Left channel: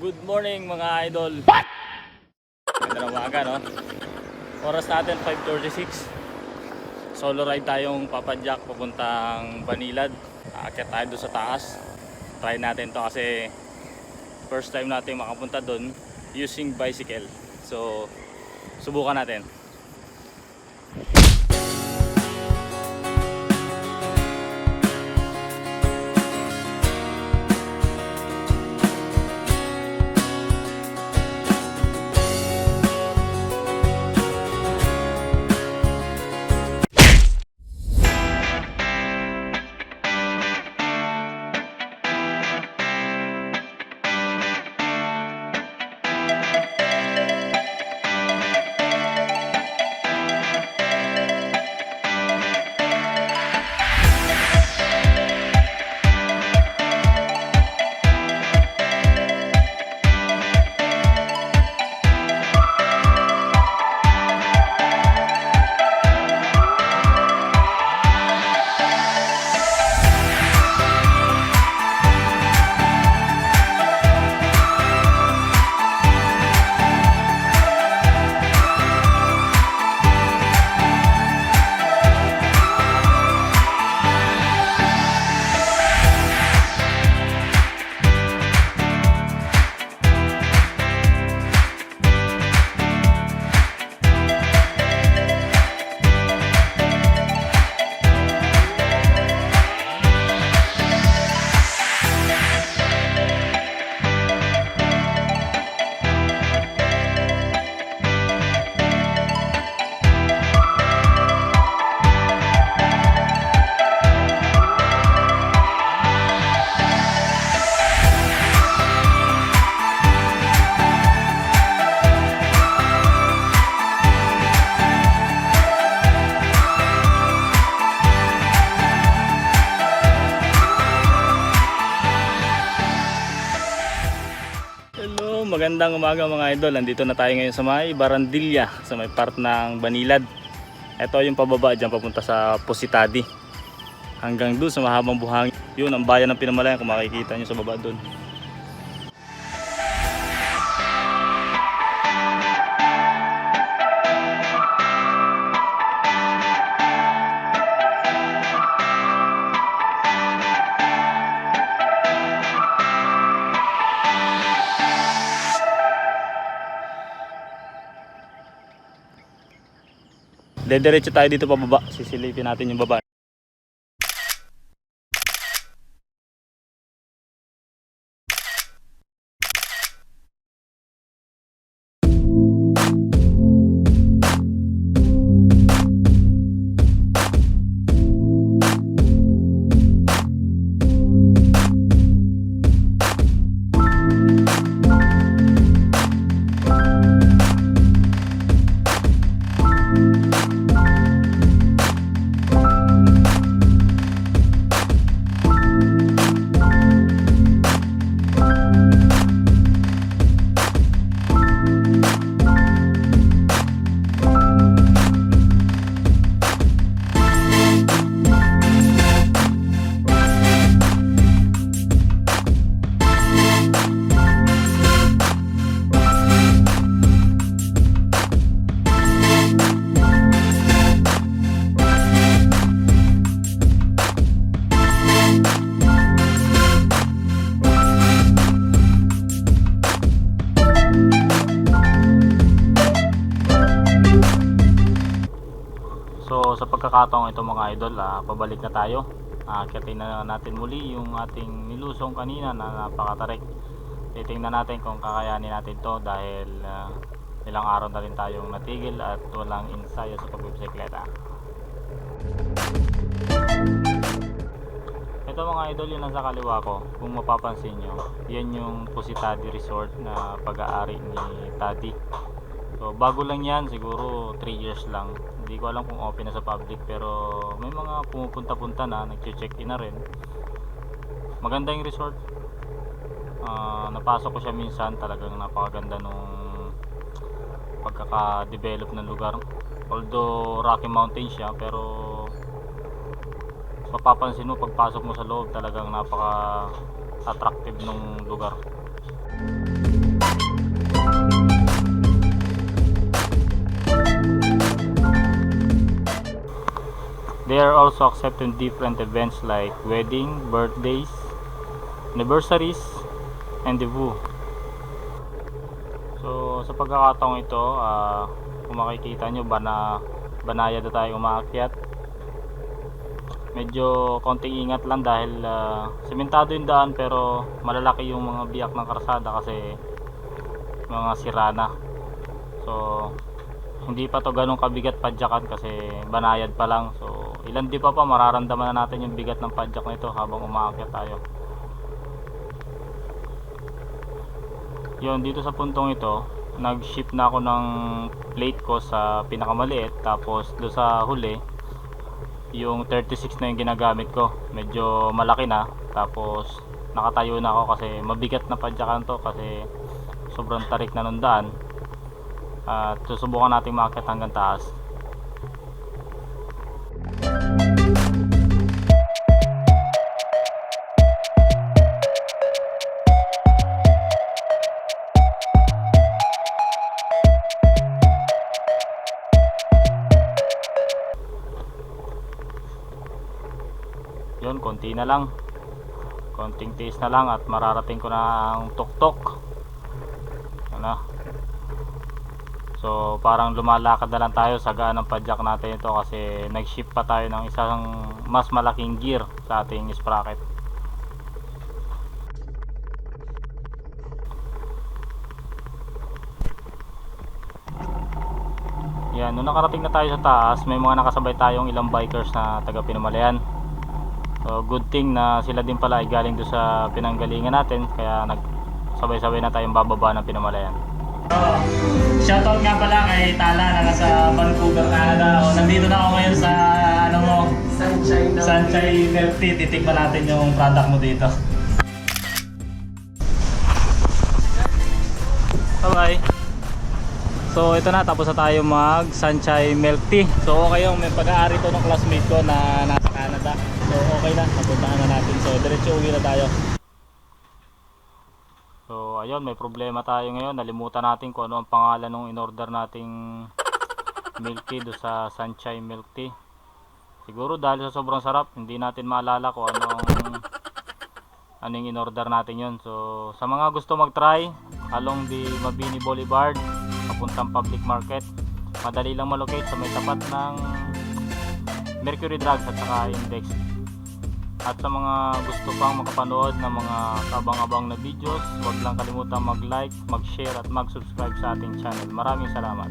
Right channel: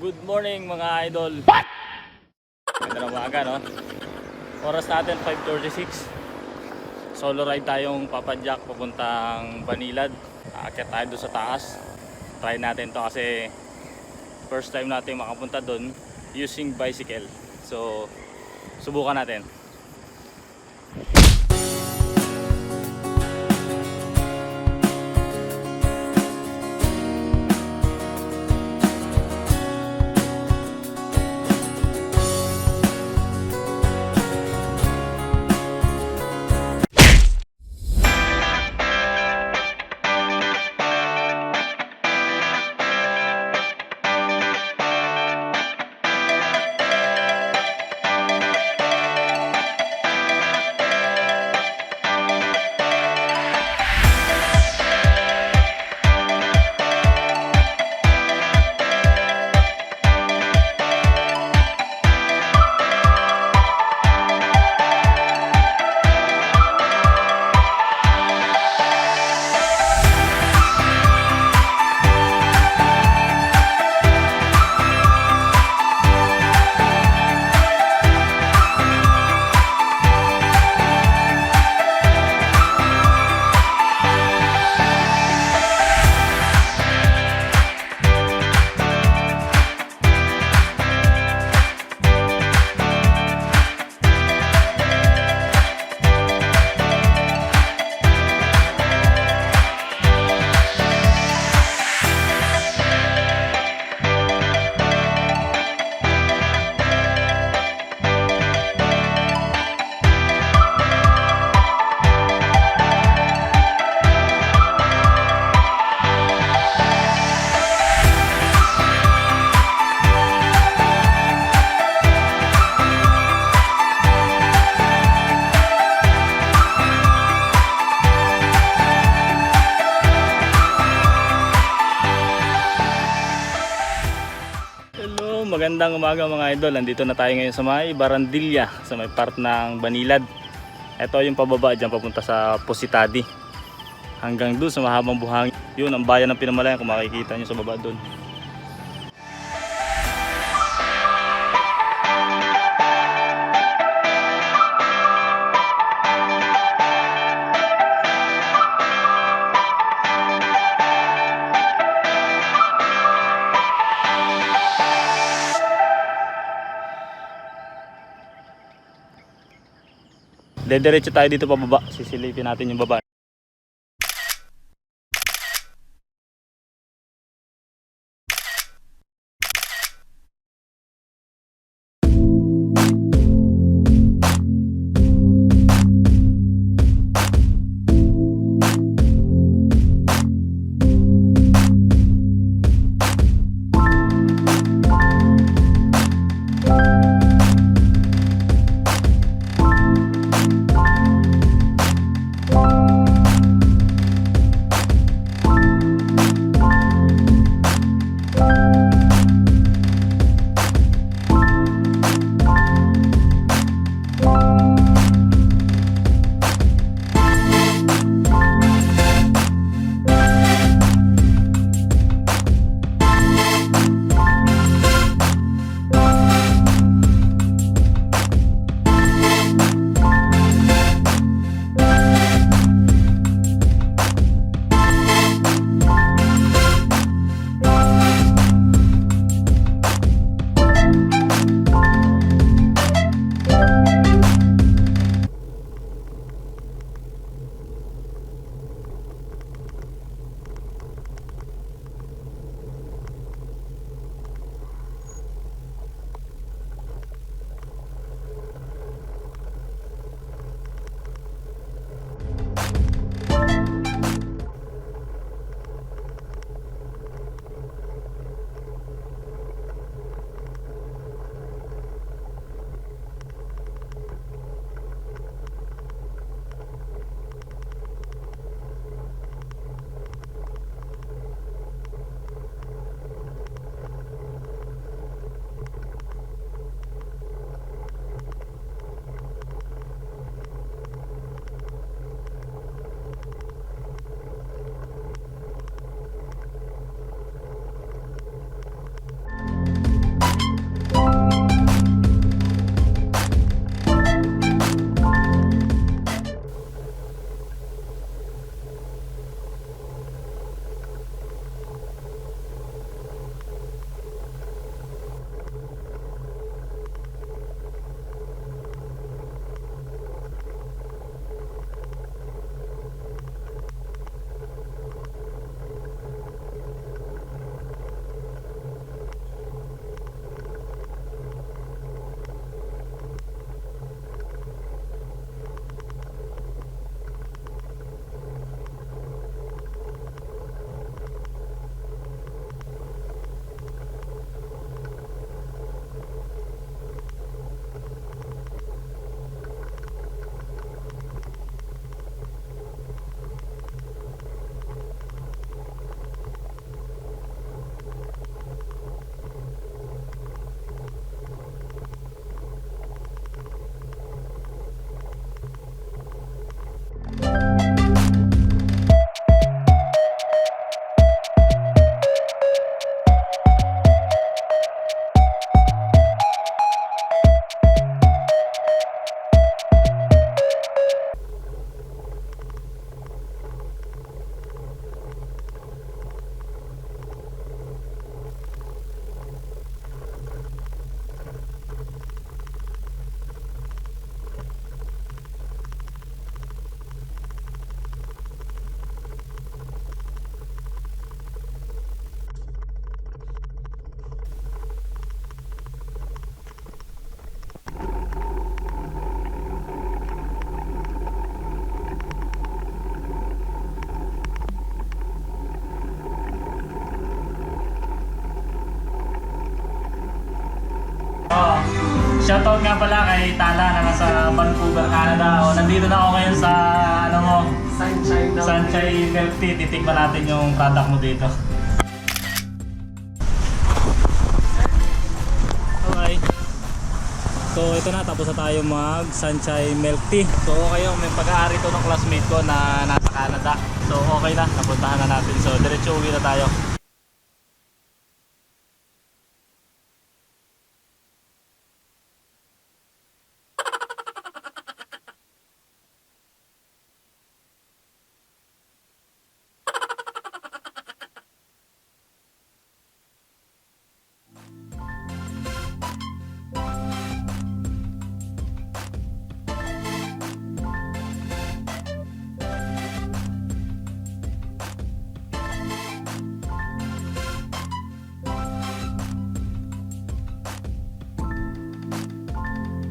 Good morning mga idol. Ganda ng umaga, no? Oras natin 5:36. Solo ride tayong papadyak papuntang Banilad. Aakyat tayo doon sa taas. Try natin to kasi first time natin makapunta doon using bicycle. So subukan natin. Hello, magandang umaga mga idol. Nandito na tayo ngayon sa may Barandilla, sa may part ng Banilad. Ito yung pababa dyan papunta sa Positadi. Hanggang doon sa mahabang buhangin. Yun ang bayan ng Pinamalayan kung makikita nyo sa baba doon. Dediretso tayo dito pababa. Sisilipin natin yung baba. So sa pagkakataong ito mga idol, pabalik na tayo. Akitin na natin muli yung ating nilusong kanina na napakatarik. Titingnan natin kung kakayanin natin to dahil ilang araw na rin tayong natigil at walang ensayo sa pagbibisikleta. Ito mga idol, yung nasa kaliwa ko, kung mapapansin nyo, yan yung Positadi Resort na pag-aari ni Tadi. So bago lang yan, siguro 3 years lang. Hindi ko alam kung open na sa public, pero may mga pumupunta-punta na, nag-check-in na rin. Maganda yung resort. Napasok ko siya minsan, talagang napakaganda nung pagkaka-develop ng lugar. Although Rocky Mountain siya, pero mapapansin mo pagpasok mo sa loob, talagang napaka attractive ng lugar. are also accepted in different events like wedding, birthdays, anniversaries, and debut. So sa pagkakataong ito, kung makikita nyo banayad na tayo umaakyat. Medyo konting ingat lang dahil sementado yung daan, pero malalaki yung mga biyak ng karsada kasi mga sirana. So hindi pa to ganun kabigat padyakan kasi banayad pa lang. So ilan di pa mararamdaman na natin yung bigat ng padyak nito habang umaakyat tayo. Yun, dito sa puntong ito nag-shift na ako ng plate ko sa pinakamaliit, tapos do sa huli yung 36 na yung ginagamit ko, medyo malaki na. Tapos nakatayo na ako kasi mabigat na padyakan to kasi sobrang tarik na ng daan. At susubukan natin maakyat hanggang taas. Yun, konti na lang, konting tiis na lang at mararating ko na ang tuktok. Ano? So parang lumalakad na lang tayo sa gaan ng padyak natin ito kasi nag-shift pa tayo ng isang mas malaking gear sa ating sprocket. Yan, nung nakarating na tayo sa taas, may mga nakasabay tayong ilang bikers na taga Pinamalayan. So good thing na sila din pala ay galing doon sa pinanggalingan natin, kaya nagsabay-sabay na tayong bababa ng Pinamalayan. Shoutout nga pala kay Tala na nasa Vancouver, Canada. Nandito na ako ngayon sa Sunshine Milk Tea. Titikman natin yung product mo dito. Okay. So ito na, tapos na tayo mag Sunshine Milk Tea. So okay yung may pag-aari to ng classmate ko na nasa Canada. So okay na, napuntahan na natin. So diretso uwi na tayo. So ayun, may problema tayo ngayon. Nalimutan natin kung ano ang pangalan ng in-order nating milk tea do sa Sunshine Milk Tea. Siguro dahil sa sobrang sarap, hindi natin maalala kung anong in-order natin yun. So sa mga gusto mag-try along the Mabini Boulevard papuntang Public Market, madali lang malocate sa may tapat ng Mercury Drugs at saka Index. At sa mga gusto pang makapanood ng mga kabang-abang na videos, huwag lang kalimutan mag-like, mag-share at mag-subscribe sa ating channel. Maraming salamat.